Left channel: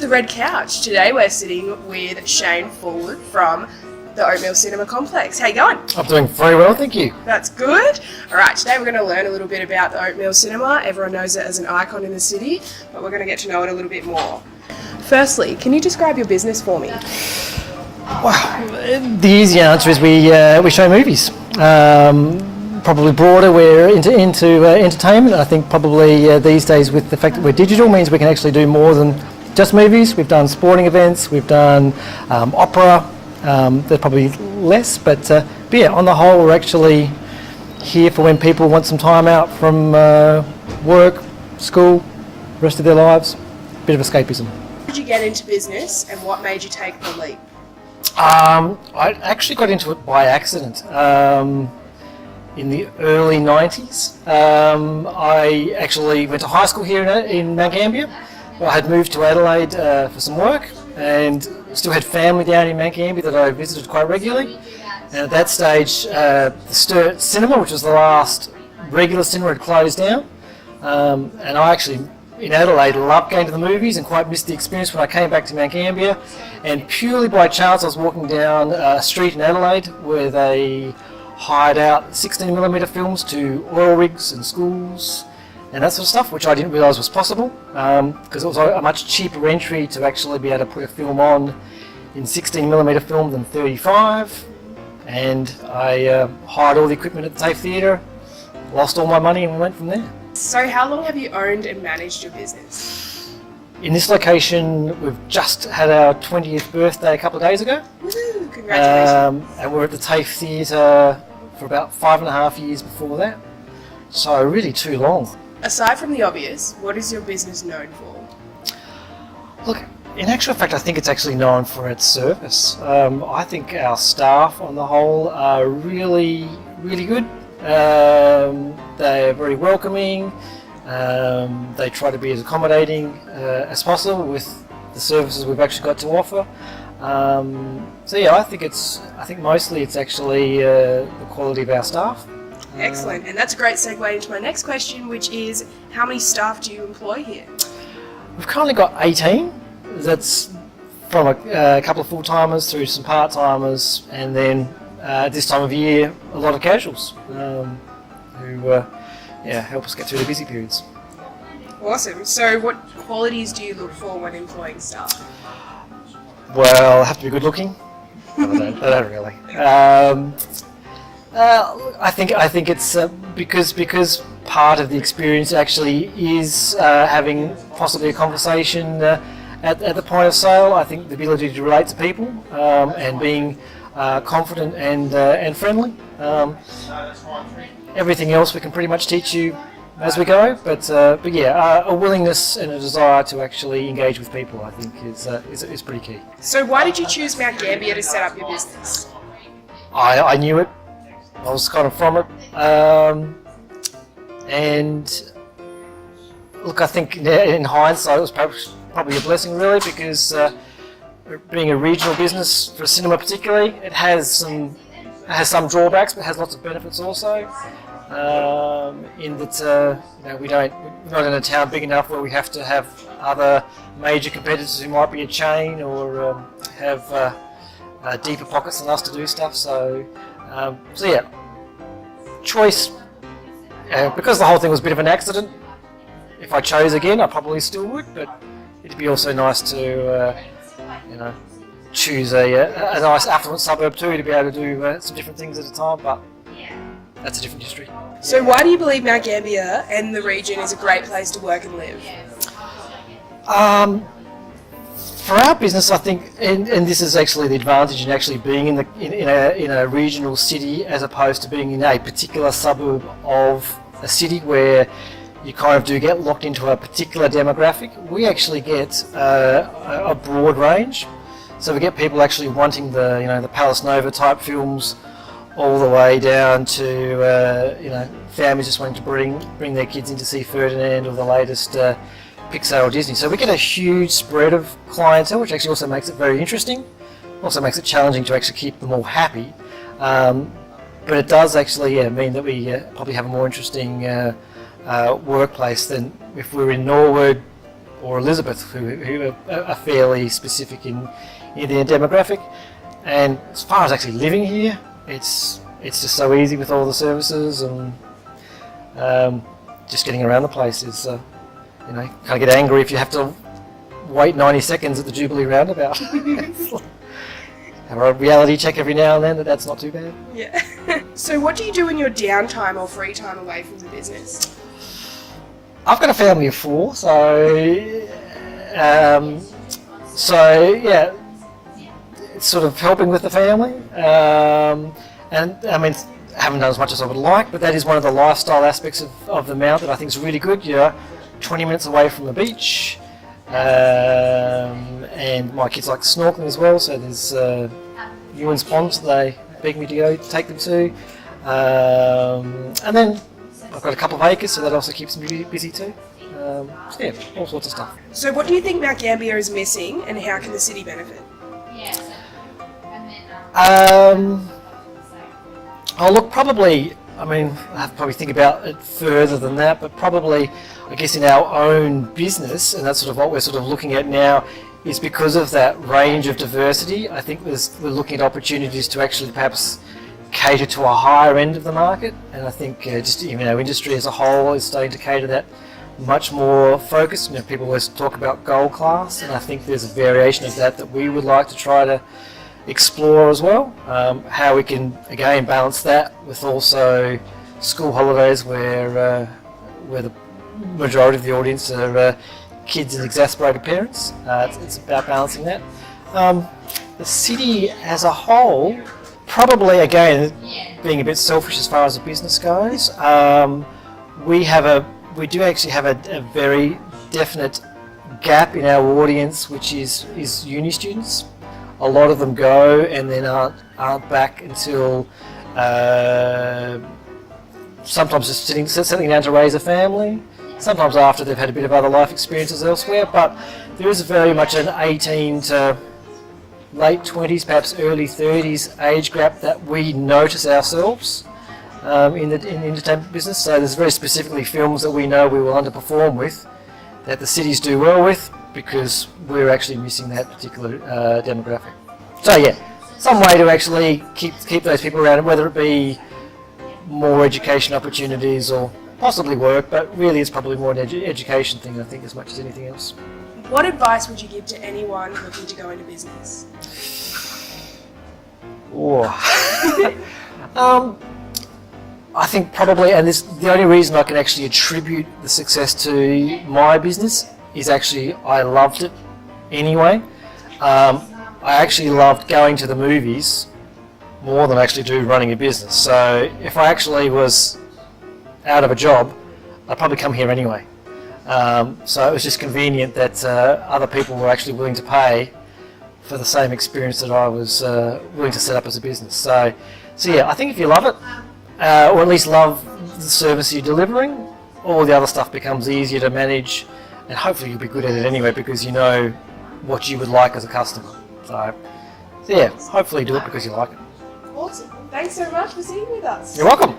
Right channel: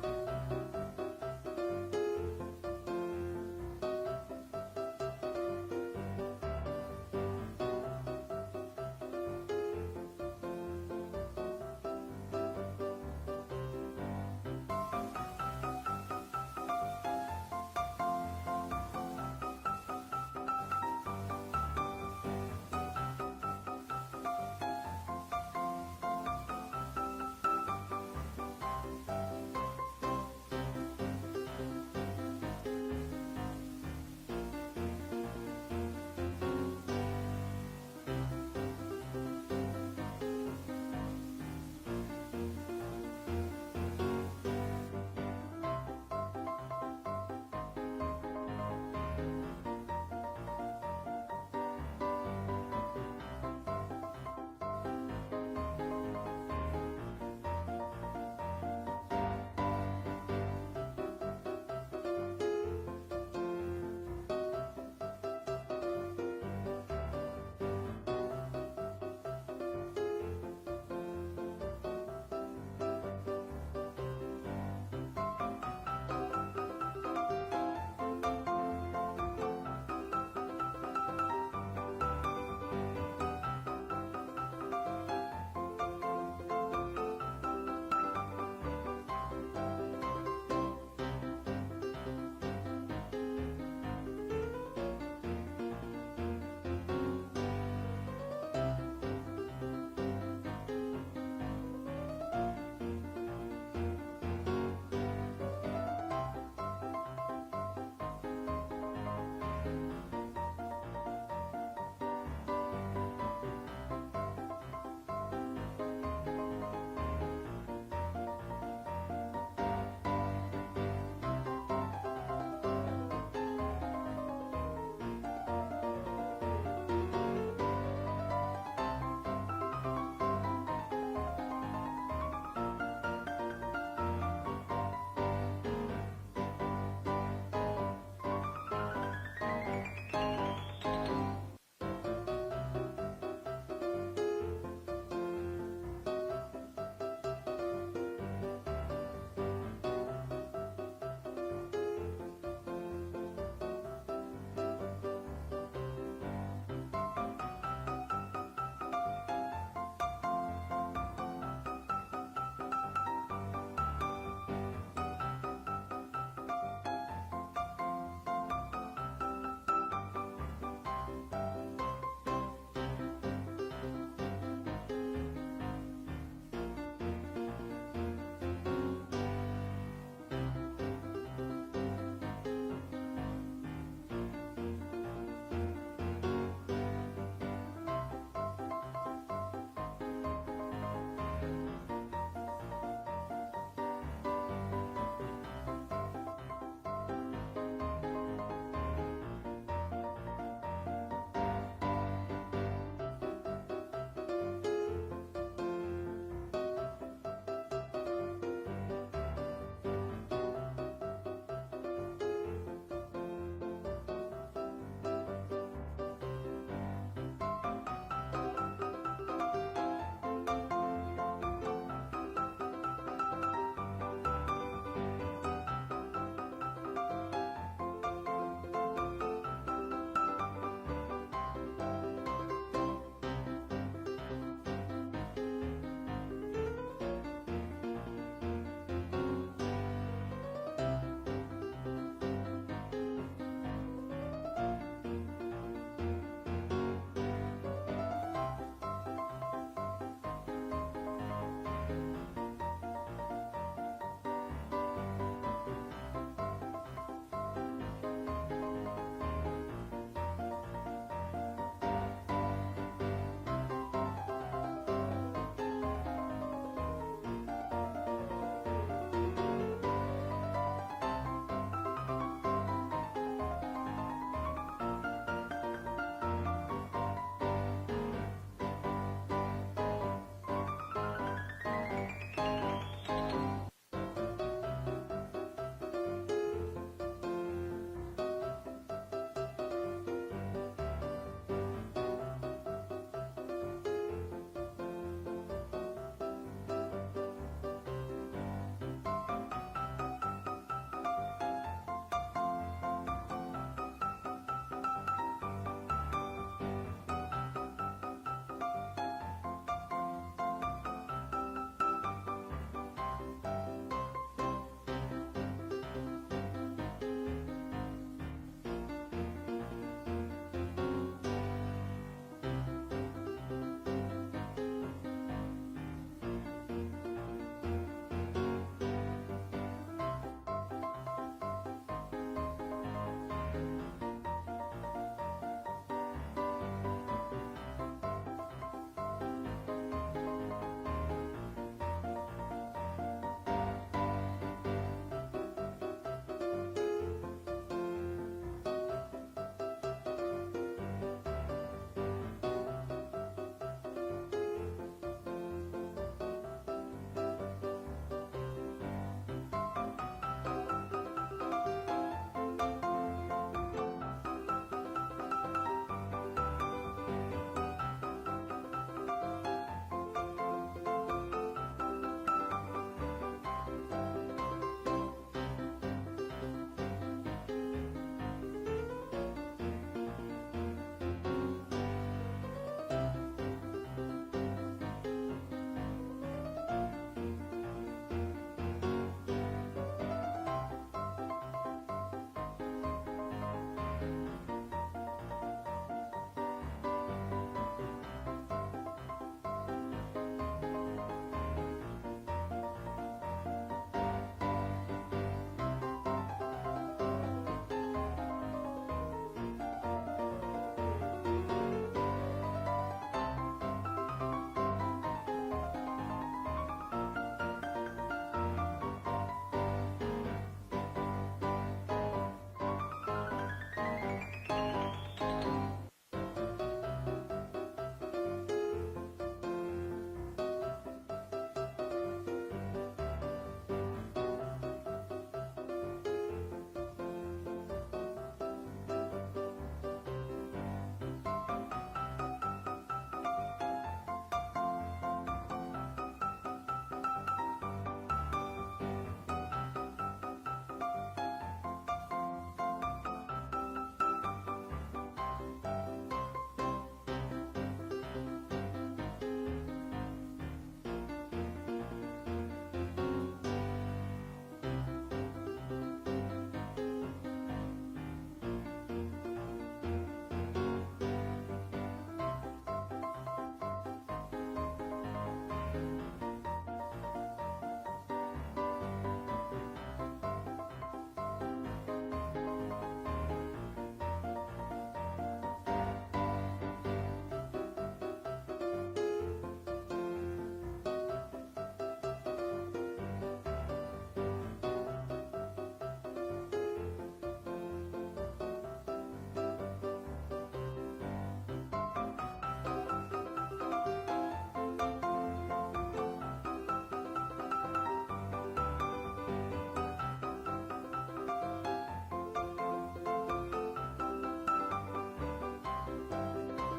to the Red Couch. Today we're sitting with Shane Forward from the Oatmeal Cinema Complex. How you going? I'm doing very well, thank you. That's good. Alright, today we're going to learn a little bit about the Oatmeal Cinema. Everyone knows it as an icon in the city, but we're going to get to know it a little bit more. Firstly, can you describe your business for me? Wow, the easy answer is we show movies. Probably broader, we're into entertainment. I think probably these days with the fact that we're digital means we can actually do more than just movies. We've done sporting events, we've done opera. There's probably less, but yeah, on the whole we're actually here for when people want some time out from work, school, rest of their lives, bit of escapism. How did you get into business and what made you take the leap? I actually got into it by accident. In the early 90s, I actually went to high school here in Mount Gambier. I had moved to Adelaide for some work and still had family down in Mount Gambier that I visited quite regularly. And at that stage, the Sturt Cinema, which was the last regular cinema, had closed down. And I actually, in Adelaide, loved going to the movies and quite missed the experience when I came back to Mount Gambier. And purely by chance, I was walking down a street in Adelaide where they hired out 16mm films to oil rigs and schools and that sort of stuff, which I didn't realise was possible because it was a much cheaper entry to actually be able to put a film on in 16mm film than 35. And I hired all the equipment at the TAFE Theatre, lost all my money and went from there. So how long have you owned and managed your business? In this location, we've just had our 20th birthday a couple of days ago. Woo, congratulations. And we're at the TAFE Theatre for about 5.5 years before that. So really too long. Aside from the obvious, what is your business known for? Look, in actual fact, I think it's actually known for its service. I think our staff on the whole are really, really good. They're very welcoming. They try to be as accommodating as possible with the services we've actually got to offer. So yeah, I think mostly it's actually the quality of our staff. Excellent, and that's a great segue into my next question, which is how many staff do you employ here? We've currently got 18. That's from a couple of full-timers through some part-timers, and then this time of year a lot of casuals who help us get through the busy periods. Awesome. So what qualities do you look for when employing staff? Well, have to be good looking. I don't really. I think it's because part of the experience actually is having possibly a conversation at the point of sale. I think the ability to relate to people and being confident and friendly. Everything else we can pretty much teach you as we go, but yeah, a willingness and a desire to actually engage with people, I think, is pretty key. So why did you choose Mount Gambier to set up your business? I knew it. I was kind of from it, and look, I think in hindsight it was probably a blessing, really, because being a regional business for cinema particularly, it has some drawbacks, but has lots of benefits also. In that we're not in a town big enough where we have to have other major competitors who might be a chain or have deeper pockets than us to do stuff. So yeah, choice. Because the whole thing was a bit of an accident. If I chose again, I probably still would, but it'd be also nice to choose a nice affluent suburb too, to be able to do some different things at a time. But that's a different history. So why do you believe Mount Gambier and the region is a great place to work and live? For our business, I think, and this is actually the advantage in actually being in a regional city as opposed to being in a particular suburb of a city where you kind of do get locked into a particular demographic. We actually get a broad range. So we get people actually wanting the Palace Nova type films, all the way down to families just wanting to bring their kids in to see Ferdinand or the latest Pixar or Disney. So we get a huge spread of clientele, which actually also makes it very interesting. Also makes it challenging to actually keep them all happy. But it does actually mean that we probably have a more interesting workplace than if we were in Norwood or Elizabeth, who are fairly specific in their demographic. And as far as actually living here, it's just so easy with all the services, and just getting around the place is, you know, kind of get angry if you have to wait 90 seconds at the Jubilee roundabout. Have a reality check every now and then that's not too bad. Yeah. So what do you do in your downtime or free time away from the business? I've got a family of 4, so yeah, it's sort of helping with the family, and I mean, I haven't done as much as I would like, but that is one of the lifestyle aspects of the Mount that I think is really good. You're 20 minutes away from the beach, and my kids like snorkeling as well, so there's Ewan's Ponds that they beg me to go take them to, and then I've got a couple of acres, so that also keeps me busy too. So yeah, all sorts of stuff. So what do you think Mount Gambier is missing, and how can the city benefit? Oh look, probably, I mean, I have to probably think about it further than that, but probably, I guess in our own business, and that's sort of what we're sort of looking at now, is because of that range of diversity, I think we're looking at opportunities to actually perhaps cater to a higher end of the market, and I think just even our industry as a whole is starting to cater that much more focus. You know, people always talk about gold class, and I think there's a variation of that we would like to try to explore as well. How we can again balance that with also school holidays where the majority of the audience are kids and exasperated parents. It's about balancing that. The city as a whole, probably again being a bit selfish as far as the business goes, we do actually have a very definite gap in our audience, which is uni students. A lot of them go and then aren't back until sometimes just settling down to raise a family, sometimes after they've had a bit of other life experiences elsewhere, but there is very much an 18 to late 20s, perhaps early 30s age gap that we notice ourselves in the entertainment business. So there's very specifically films that we know we will underperform with, that the cities do well with, because we're actually missing that particular demographic. So yeah, some way to actually keep those people around, whether it be more education opportunities or possibly work, but really it's probably more an education thing, I think, as much as anything else. What advice would you give to anyone looking to go into business? I think probably, and the only reason I can actually attribute the success to my business is actually I loved it anyway. I actually loved going to the movies more than I actually do running a business. So if I actually was out of a job, I'd probably come here anyway. So it was just convenient that other people were actually willing to pay for the same experience that I was willing to set up as a business. So yeah, I think if you love it, or at least love the service you're delivering, all the other stuff becomes easier to manage, and hopefully you'll be good at it anyway because you know what you would like as a customer. So yeah, hopefully do it because you like it. Awesome. Thanks so much for sitting with us. You're welcome.